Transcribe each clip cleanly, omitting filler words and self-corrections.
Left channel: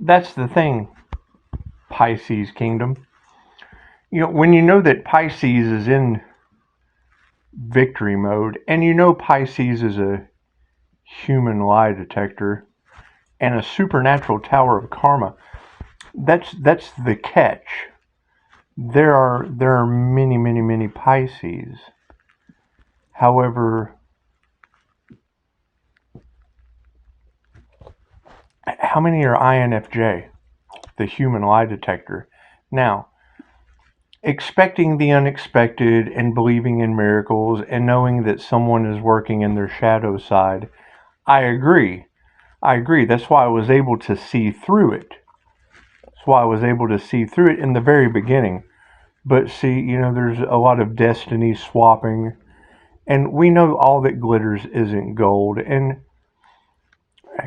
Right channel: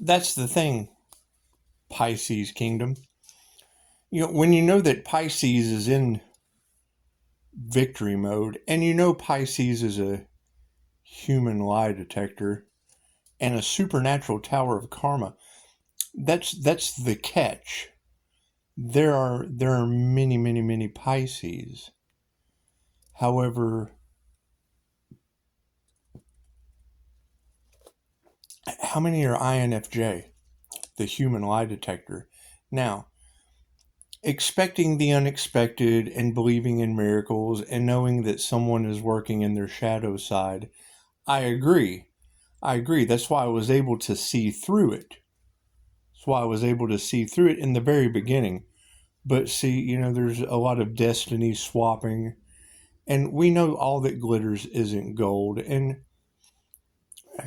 That's the thing, Pisces kingdom. When you know that Pisces is in victory mode, and Pisces is a human lie detector and a supernatural tower of karma, that's the catch. There are many Pisces. However, how many are INFJ, the human lie detector? Now, expecting the unexpected and believing in miracles and knowing that someone is working in their shadow side, I agree. That's why I was able to see through it. In the very beginning. But see, there's a lot of destiny swapping. And we know all that glitters isn't gold. And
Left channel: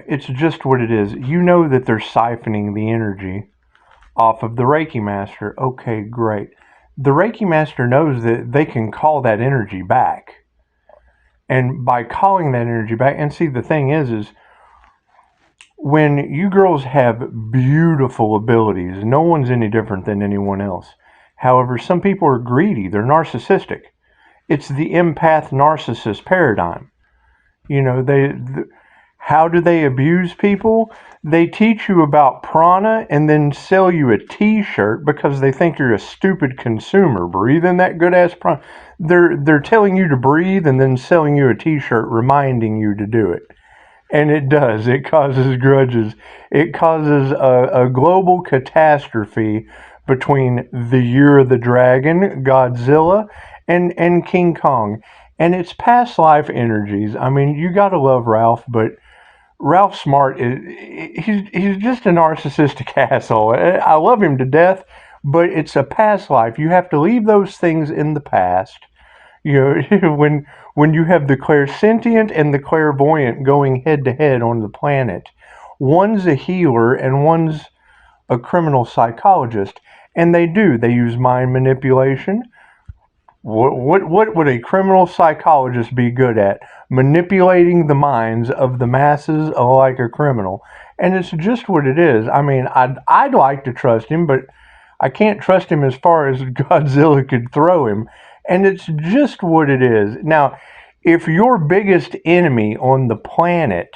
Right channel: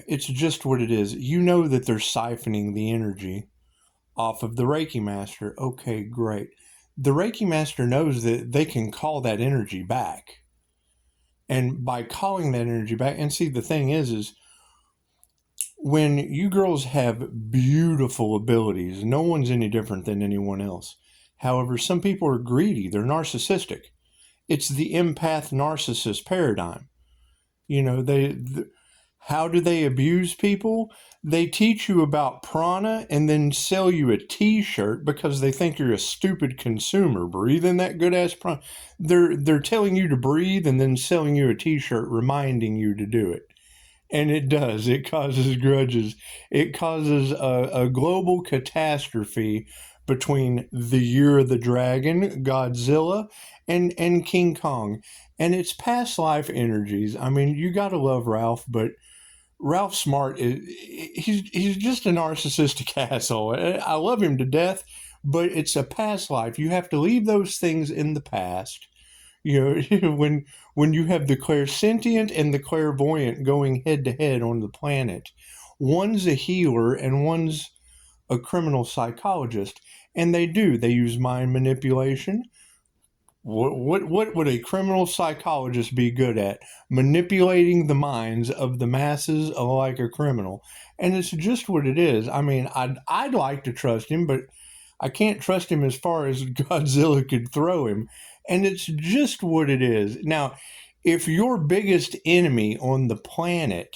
it's just what it is. You know that they're siphoning the energy off of the Reiki Master. Okay, great. The Reiki Master knows that they can call that energy back. And by calling that energy back, and see, the thing is when you girls have beautiful abilities, no one's any different than anyone else. However, some people are greedy. They're narcissistic. It's the empath narcissist paradigm. How do they abuse people? They teach you about prana and then sell you a t-shirt because they think you're a stupid consumer. Breathe in that good ass prana. They're telling you to breathe and then selling you a t-shirt reminding you to do it. And it does. It causes grudges. It causes a global catastrophe between the Year of the Dragon, Godzilla, and King Kong. And it's past life energies. I mean, you gotta love Ralph, but Ralph Smart he's just a narcissistic asshole. I love him to death, but it's a past life. You have to leave those things in the past. When you have the clairsentient and the clairvoyant going head to head on the planet, one's a healer and one's a criminal psychologist, and they use mind manipulation. What would a criminal psychologist be good at? Manipulating the minds of the masses like a criminal. And it's just what it is. I mean, I'd like to trust him, but I can't trust him as far as Godzilla could throw him. And it's just what it is. Now, if your biggest enemy on the planet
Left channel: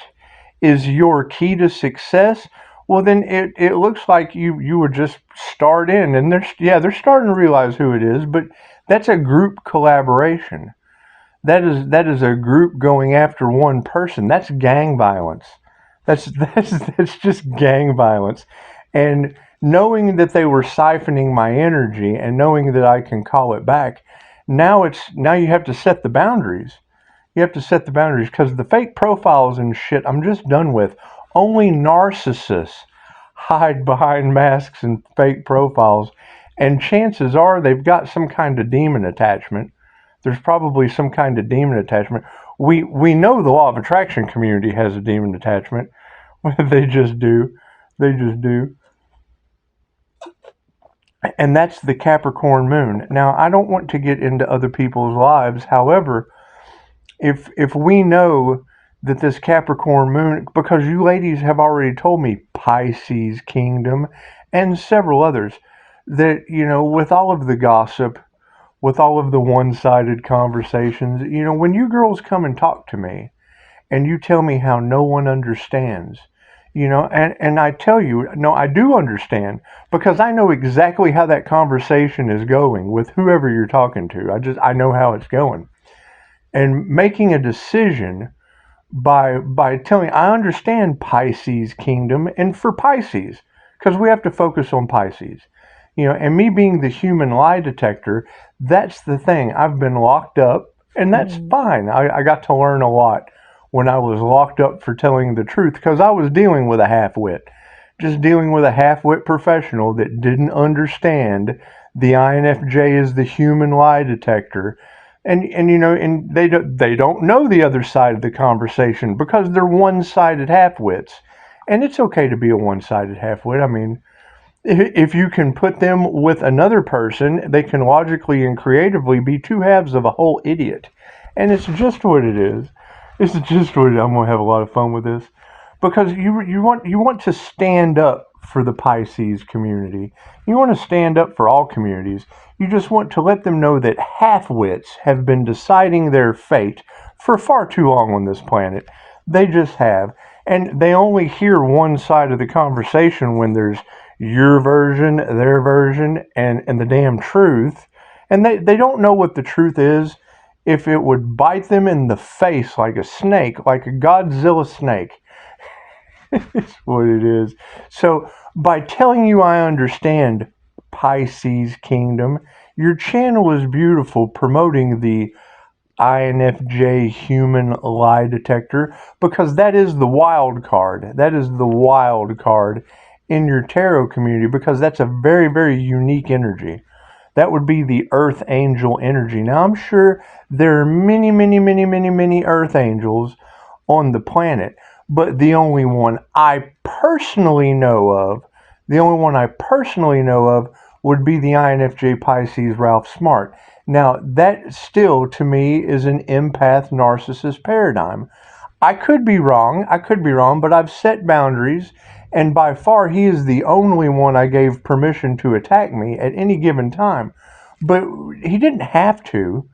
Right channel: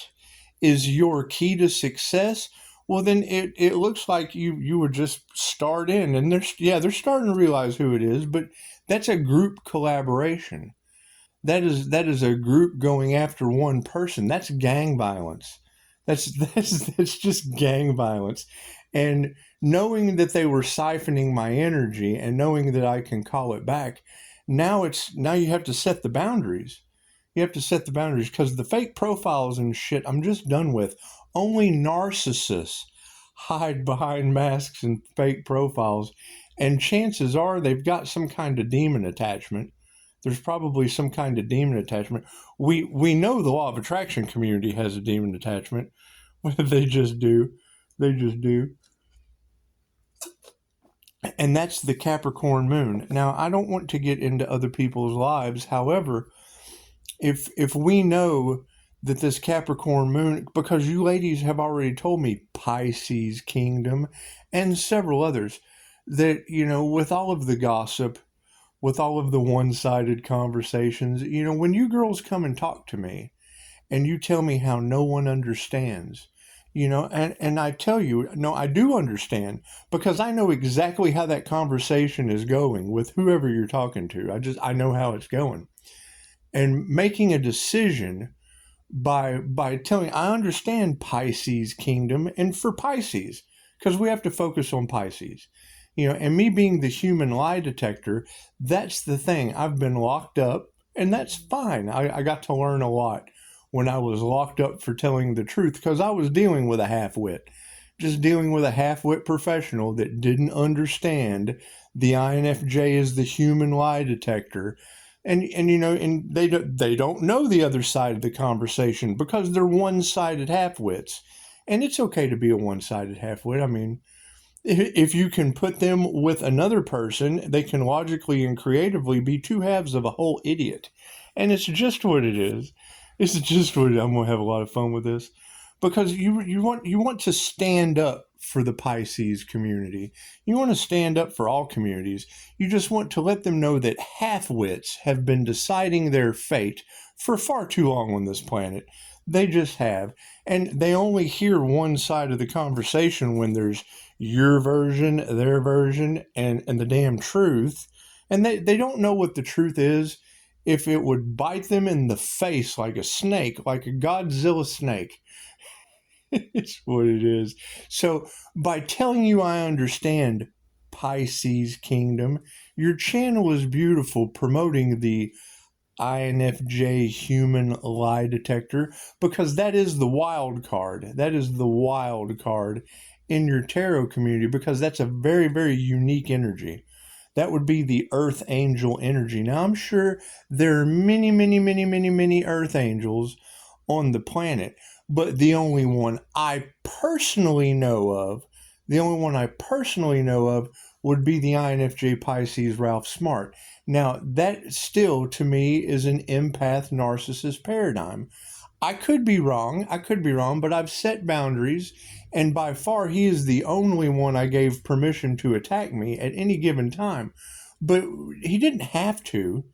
is your key to success, well, then it looks like you would just start in. And they're starting to realize who it is, but that's a group collaboration. That is a group going after one person. That's gang violence. That's just gang violence. And knowing that they were siphoning my energy and knowing that I can call it back, now you have to set the boundaries. You have to set the boundaries because the fake profiles and shit I'm just done with. Only narcissists hide behind masks and fake profiles. And chances are they've got some kind of demon attachment. There's probably some kind of demon attachment. We know the law of attraction community has a demon attachment. They just do. And that's the Capricorn moon. Now, I don't want to get into other people's lives. However, if we know that this Capricorn moon, because you ladies have already told me Pisces kingdom and several others, that, with all of the gossip, with all of the one-sided conversations, when you girls come and talk to me and you tell me how no one understands, and I tell you, no, I do understand because I know exactly how that conversation is going with whoever you're talking to. I know how it's going. And making a decision by telling, I understand Pisces kingdom, and for Pisces, because we have to focus on Pisces. And me being the human lie detector, that's the thing. I've been locked up, and that's fine. I got to learn a lot when I was locked up for telling the truth, because I was dealing with a half-wit. Just dealing with a half-wit professional that didn't understand the INFJ is the human lie detector. And they don't know the other side of the conversation because they're one-sided half-wits. And it's okay to be a one-sided half-wit. I mean, if you can put them with another person, they can logically and creatively be two halves of a whole idiot. And it's just what it is. I'm going to have a lot of fun with this. because you want to stand up for the Pisces community. You want to stand up for all communities. You just want to let them know that half-wits have been deciding their fate for far too long on this planet. They just have. And they only hear one side of the conversation when there's your version, their version, and the damn truth. And they don't know what the truth is if it would bite them in the face like a snake, like a Godzilla snake. It's what it is. So by telling you I understand Pisces Kingdom, your channel is beautiful, promoting the INFJ human lie detector, because that is the wild card. That is the wild card in your tarot community, because that's a very, very unique energy. That would be the earth angel energy. Now, I'm sure there are many, many, many, many, many earth angels on the planet, but the only one I personally know of, would be the INFJ Pisces Ralph Smart. Now, that still, to me, is an empath narcissist paradigm. I could be wrong, but I've set boundaries, and by far he is the only one I gave permission to attack me at any given time. But he didn't have to.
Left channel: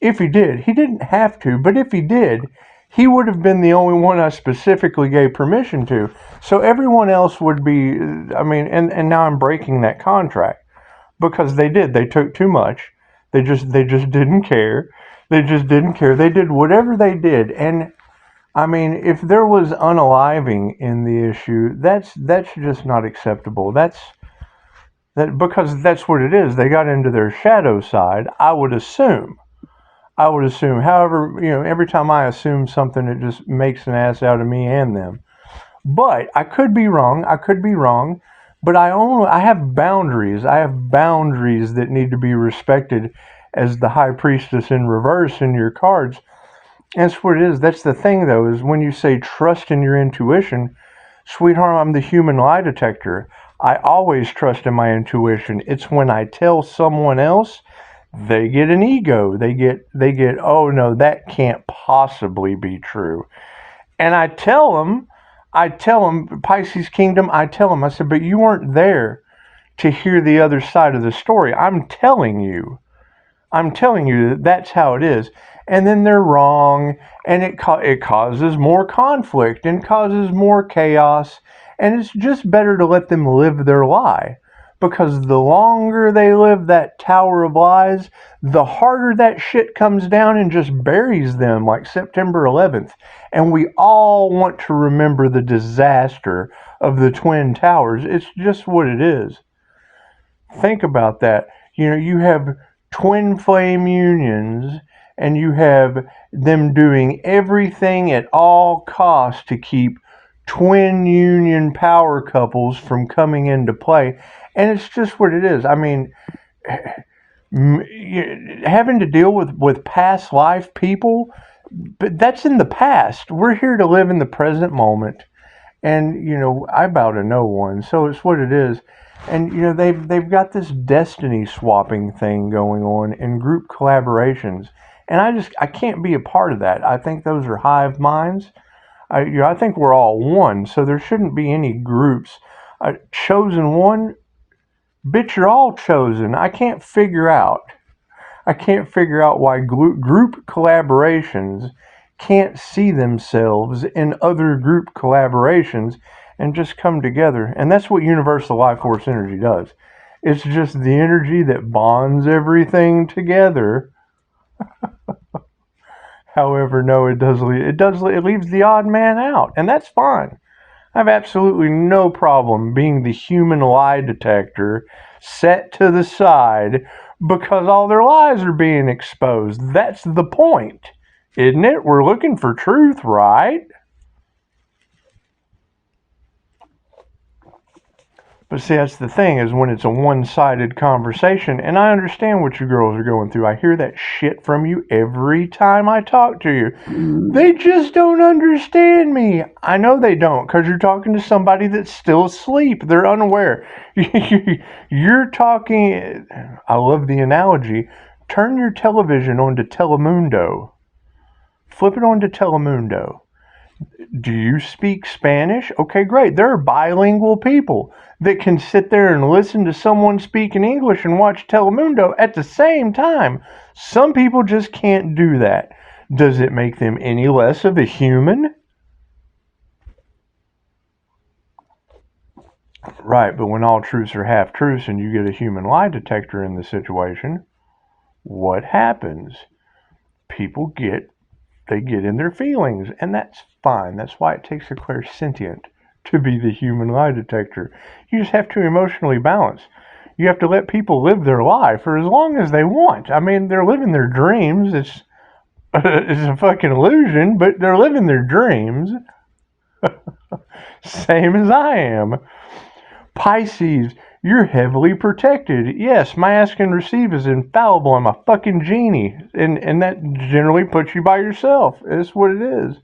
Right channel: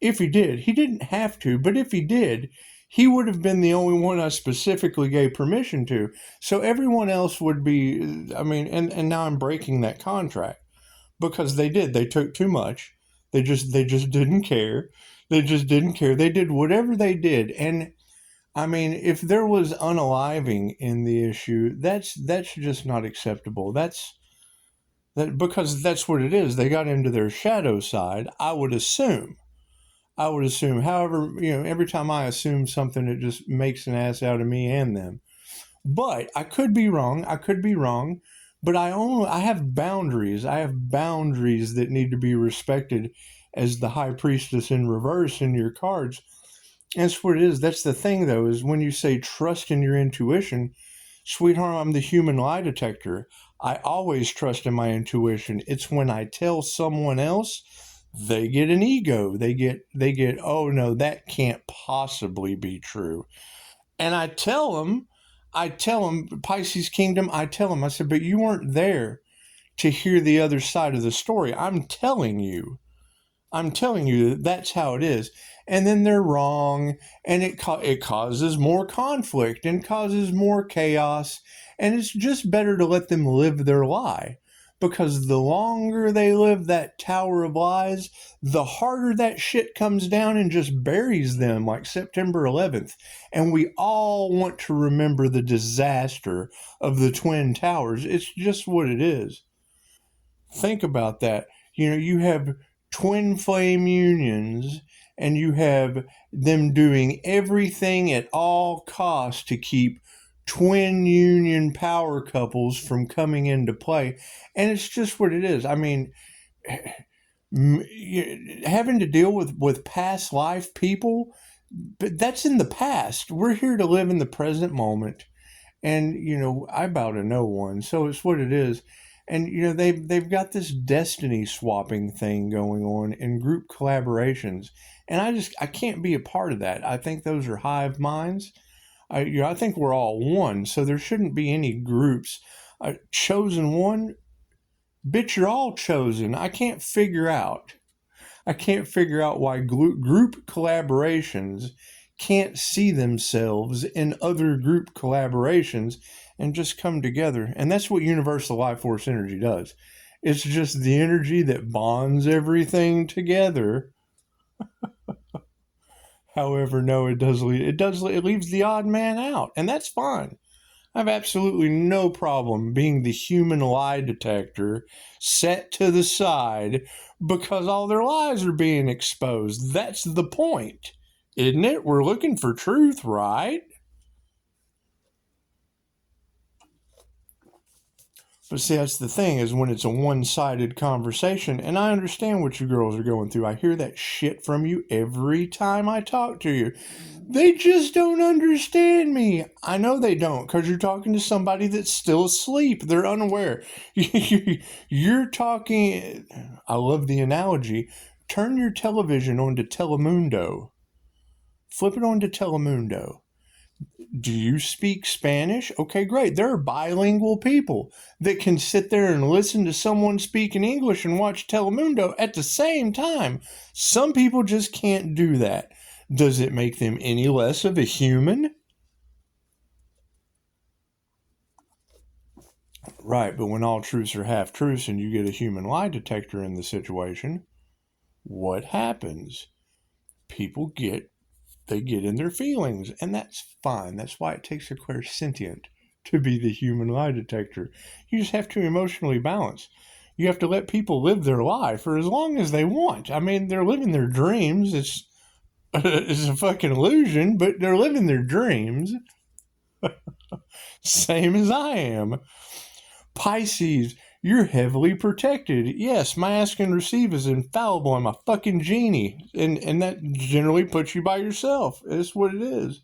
If he did, he didn't have to, but if he did, he would have been the only one I specifically gave permission to. So everyone else would be, and now I'm breaking that contract, because they took too much. They just didn't care. They did whatever they did. And if there was unaliving in the issue, that's just not acceptable. Because that's what it is. They got into their shadow side, I would assume. However, every time I assume something, it just makes an ass out of me and them. But I could be wrong. But I have boundaries. I have boundaries that need to be respected as the High Priestess in reverse in your cards. That's what it is. That's the thing, though, is when you say trust in your intuition, sweetheart, I'm the human lie detector. I always trust in my intuition. It's when I tell someone else, they get an ego. They get, oh no, that can't possibly be true. And I tell them, Pisces Kingdom, I said, but you weren't there to hear the other side of the story. I'm telling you that that's how it is. And then they're wrong, and it causes more conflict and causes more chaos. And it's just better to let them live their lie, because the longer they live that tower of lies, the harder that shit comes down and just buries them, like September 11th. And we all want to remember the disaster of the Twin Towers. It's just what it is. Think about that. You have twin flame unions, and you have them doing everything at all costs to keep twin union power couples from coming into play. And it's just what it is. Having to deal with past life people, but that's in the past. We're here to live in the present moment. And, I bow to no one. So it's what it is. And, they've got this destiny swapping thing going on in group collaborations. And I can't be a part of that. I think those are hive minds. I think we're all one. So there shouldn't be any groups. Chosen one, bitch, you're all chosen. I can't figure out why group collaborations can't see themselves in other group collaborations and just come together. And that's what universal life force energy does. It's just the energy that bonds everything together. However, no, it leaves the odd man out, and that's fine. I have absolutely no problem being the human lie detector set to the side, because all their lies are being exposed. That's the point, isn't it? We're looking for truth, right? But see, that's the thing, is when it's a one-sided conversation, and I understand what you girls are going through. I hear that shit from you every time I talk to you. They just don't understand me. I know they don't, because you're talking to somebody that's still asleep. They're unaware. You're talking, I love the analogy, turn your television on to Telemundo. Flip it on to Telemundo. Do you speak Spanish? Okay, great. There are bilingual people that can sit there and listen to someone speaking English and watch Telemundo at the same time. Some people just can't do that. Does it make them any less of a human? Right, but when all truths are half truths and you get a human lie detector in the situation, what happens? People get in their feelings, and that's fine. That's why it takes a clairsentient to be the human lie detector. You just have to emotionally balance. You have to let people live their life for as long as they want. I mean, they're living their dreams. It's a fucking illusion, but they're living their dreams. Same as I am. Pisces, you're heavily protected. Yes, my ask and receive is infallible. I'm a fucking genie. And that generally puts you by yourself. It's what it is.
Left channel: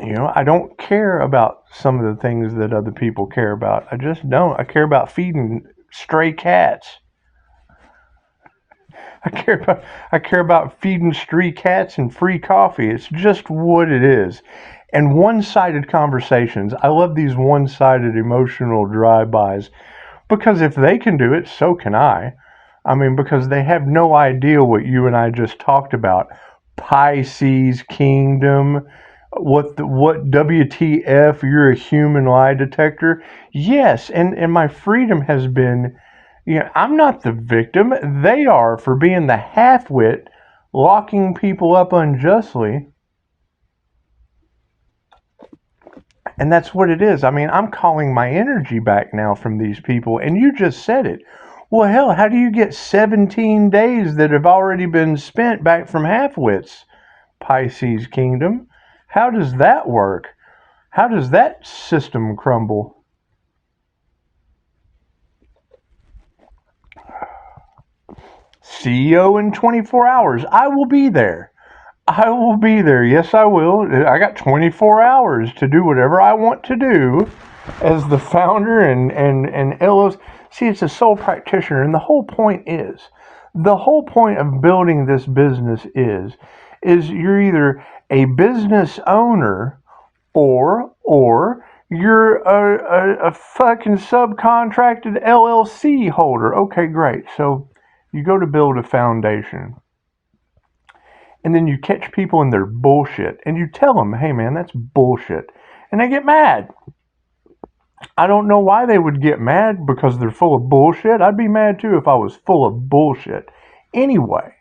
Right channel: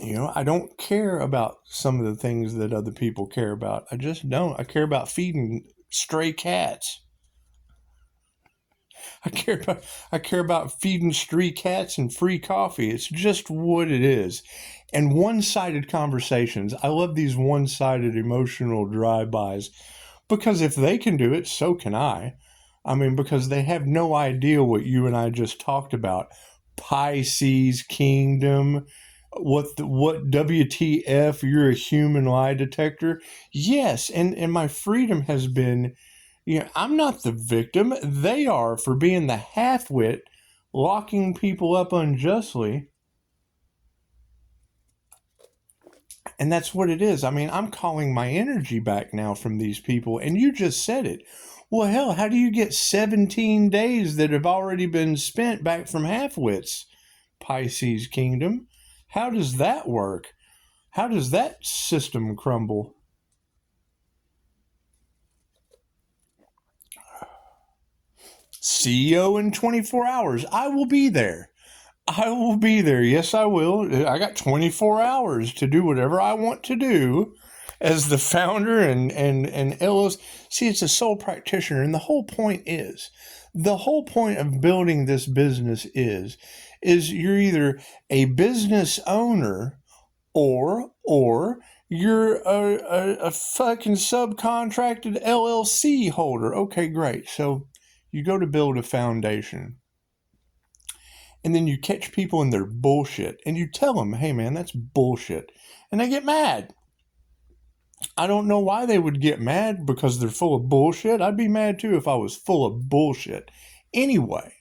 I don't care about some of the things that other people care about. I just don't. I care about feeding stray cats. I care about feeding stray cats and free coffee. It's just what it is. And one-sided conversations. I love these one-sided emotional drive-bys because if they can do it, so can I. I mean, because they have no idea what you and I just talked about. Pisces kingdom. What WTF? You're a human lie detector. Yes, and my freedom has been. I'm not the victim. They are for being the half-wit, locking people up unjustly. And that's what it is. I mean, I'm calling my energy back now from these people, and you just said it. Well, hell, how do you get 17 days that have already been spent back from half-wits, Pisces kingdom? How does that work? How does that system crumble? CEO in 24 hours. I will be there. I will be there. Yes, I will. I got 24 hours to do whatever I want to do as the founder and LLC. See, it's a sole practitioner. And the whole point of building this business is you're either a business owner or you're a fucking subcontracted LLC holder. Okay, great. So you go to build a foundation and then you catch people in their bullshit and you tell them, hey man, that's bullshit. And they get mad. I don't know why they would get mad because they're full of bullshit. I'd be mad too if I was full of bullshit. Anyway,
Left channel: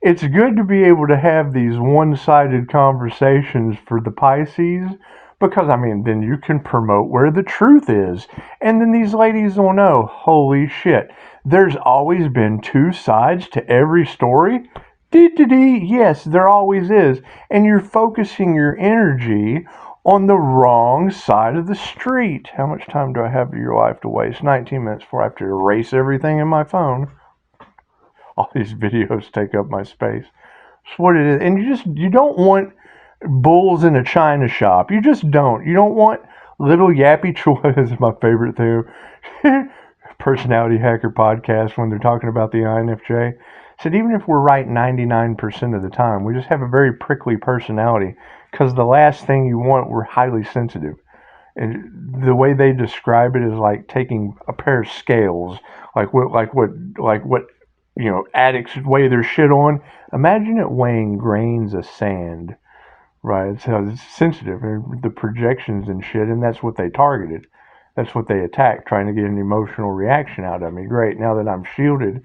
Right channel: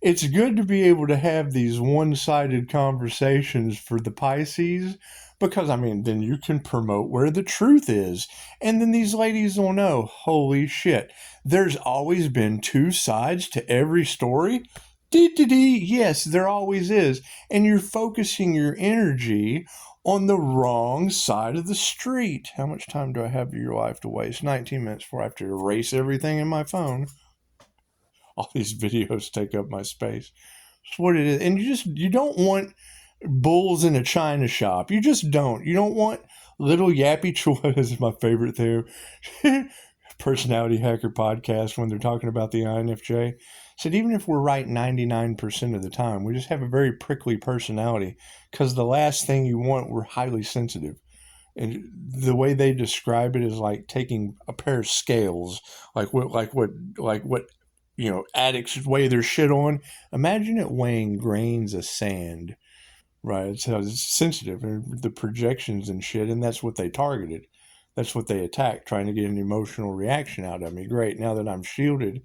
it's good to be able to have these one-sided conversations for the Pisces because, I mean, then you can promote where the truth is. And then these ladies will know, holy shit, there's always been two sides to every story. Yes, there always is. And you're focusing your energy on the wrong side of the street. How much time do I have of your life to waste? 19 minutes before I have to erase everything in my phone. All these videos take up my space. That's what it is. And you don't want bulls in a china shop. You just don't. You don't want little yappy choice. This is my favorite thing. Personality Hacker podcast when they're talking about the INFJ. Said even if we're right 99% of the time, we just have a very prickly personality because the last thing you want, we're highly sensitive. And the way they describe it is like taking a pair of scales, like what addicts weigh their shit on. Imagine it weighing grains of sand, right? It's how it's sensitive, and the projections and shit, and that's what they targeted. That's what they attacked, trying to get an emotional reaction out of me. Great, now that I'm shielded,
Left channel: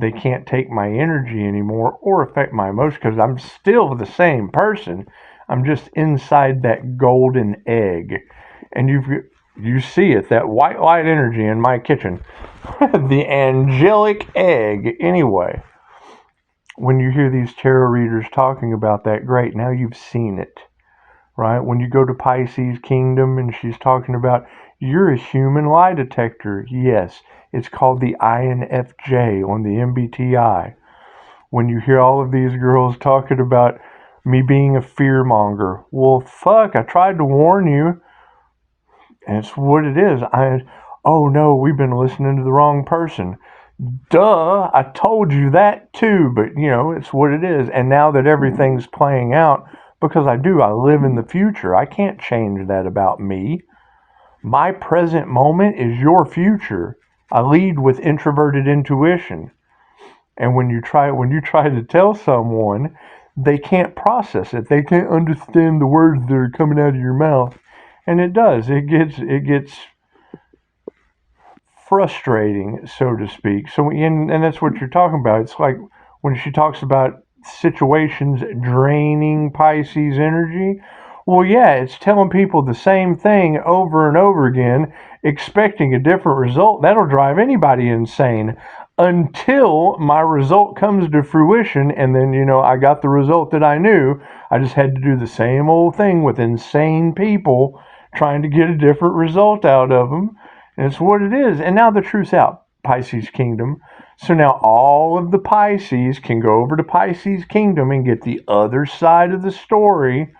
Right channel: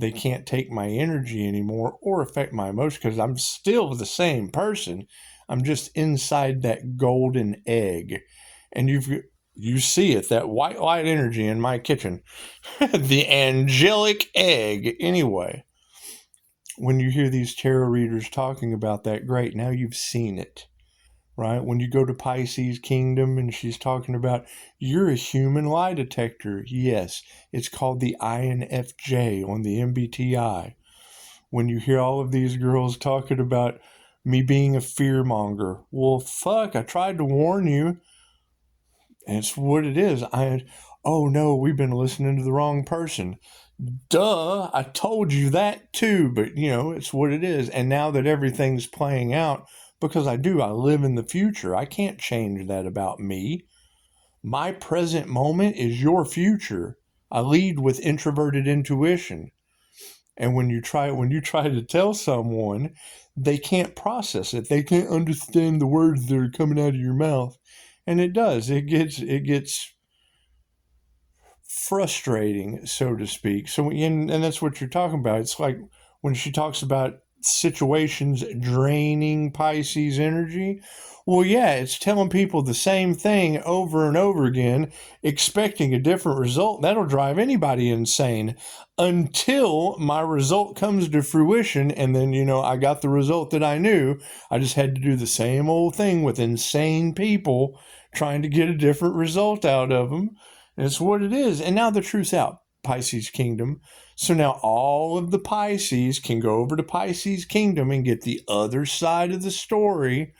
they can't take my energy anymore or affect my emotions because I'm still the same person. I'm just inside that golden egg. And you see it, that white light energy in my kitchen. The angelic egg. Anyway, when you hear these tarot readers talking about that, great, now you've seen it. Right? When you go to Pisces Kingdom and she's talking about you're a human lie detector. Yes, it's called the INFJ on the MBTI. When you hear all of these girls talking about me being a fearmonger, well, fuck, I tried to warn you. And it's what it is. Oh no, we've been listening to the wrong person. Duh, I told you that too, but it's what it is. And now that everything's playing out, because I live in the future. I can't change that about me. My present moment is your future. I lead with introverted intuition. And when you try to tell someone, they can't process it. They can't understand the words that are coming out of your mouth. And it does. It gets frustrating, so to speak. So, and that's what you're talking about. It's like when she talks about situations draining Pisces energy. Well, yeah, it's telling people the same thing over and over again, expecting a different result. That'll drive anybody insane until my result comes to fruition. And then, I got the result that I knew. I just had to do the same old thing with insane people trying to get a different result out of them. And it's what it is. And now the truth's out, Pisces Kingdom. So now all of the Pisces can go over to Pisces Kingdom and get the other side of the story.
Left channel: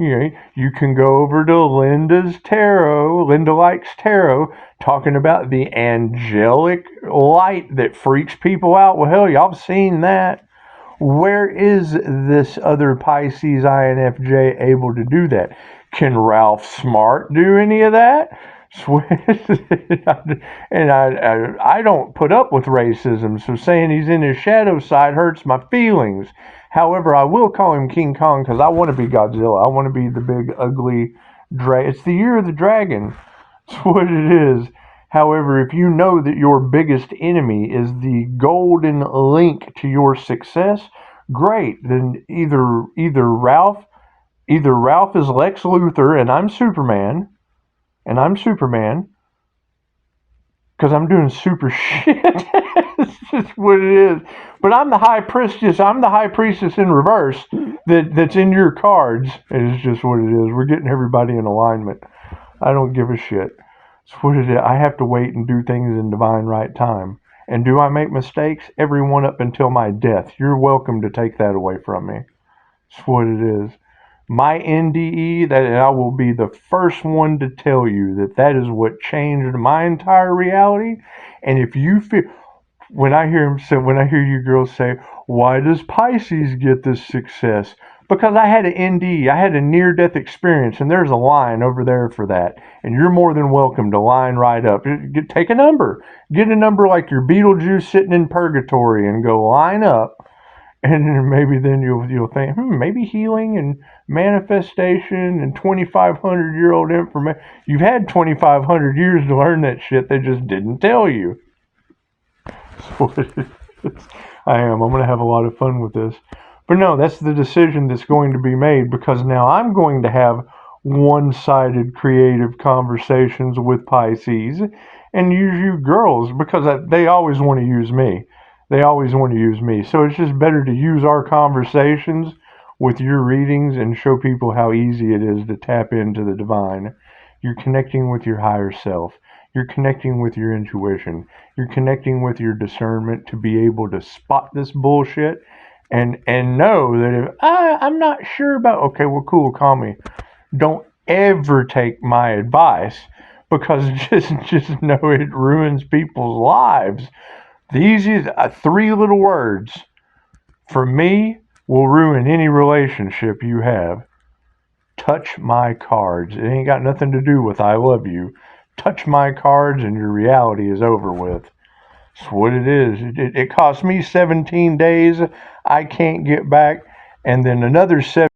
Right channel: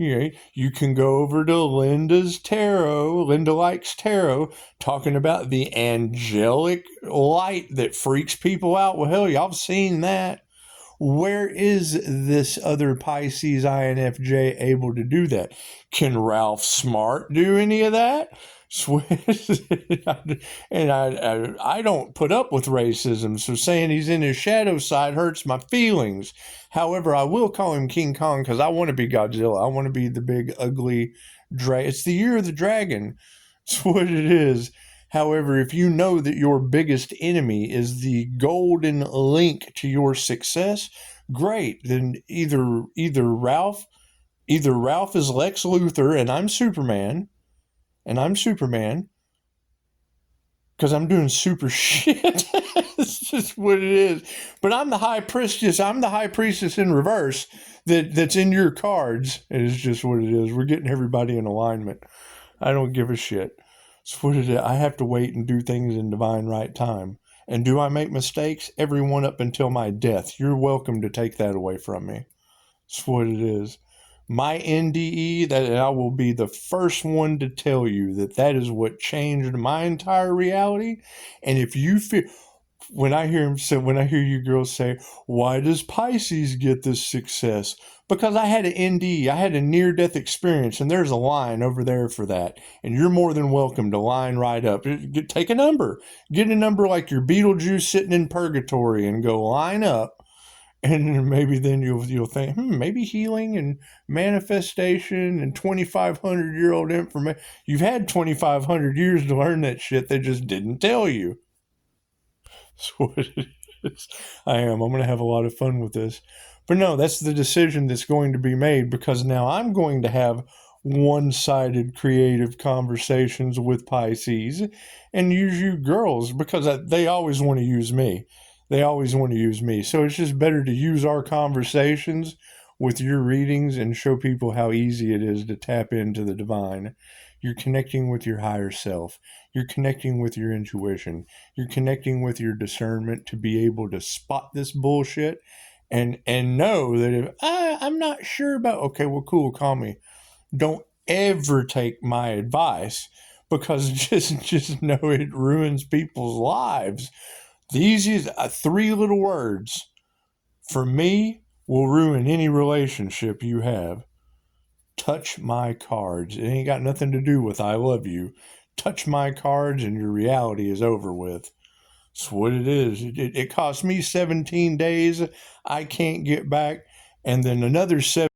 You can go over to Linda's Tarot, Linda Likes Tarot, talking about the angelic light that freaks people out. Well, hell, y'all have seen that. Where is this other Pisces INFJ able to do that? Can Ralph Smart do any of that? And I don't put up with racism, so saying he's in his shadow side hurts my feelings. However, I will call him King Kong because I want to be Godzilla. I want to be the big, ugly dragon. It's the year of the dragon. That's what it is. However, if you know that your biggest enemy is the golden link to your success, great. Then either Ralph is Lex Luthor and I'm Superman, because I'm doing super shit. It's just what it is. But I'm the high priestess. I'm the high priestess in reverse that's in your cards. It is just what it is. We're getting everybody in alignment. I don't give a shit. It's what it is. I have to wait and do things in divine right time. And do I make mistakes? Every one up until my death. You're welcome to take that away from me. It's what it is. My NDE, that I will be the first one to tell you that is what changed my entire reality. And if you feel, when I hear you girls say, why does Pisces get this success? Because I had an NDE, I had a near-death experience, and there's a line over there for that. And you're more than welcome to line right up. Take a number. Get a number like your Beetlejuice sitting in purgatory and go line up. And maybe then you'll think, maybe healing and manifestation and 2,500-year-old information. You've had 2,500 years to learn that shit. They just didn't tell you. That's what it is. I'm going to have a lot of fun with this. But no, that's the decision that's going to be made, because now I'm going to have one-sided creative conversations with Pisces and use you girls, because they always want to use me. So it's just better to use our conversations with your readings and show people how easy it is to tap into the divine. You're connecting with your higher self. You're connecting with your intuition. You're connecting with your discernment to be able to spot this bullshit and know that if I'm not sure about, okay, well, cool, call me. Don't ever take my advice, because just know it ruins people's lives. The easiest, 3 little words for me will ruin any relationship you have. Touch my cards. It ain't got nothing to do with I love you. Touch my cards and your reality is over with. That's what it is. It cost me 17 days. I can't get back. And then another 7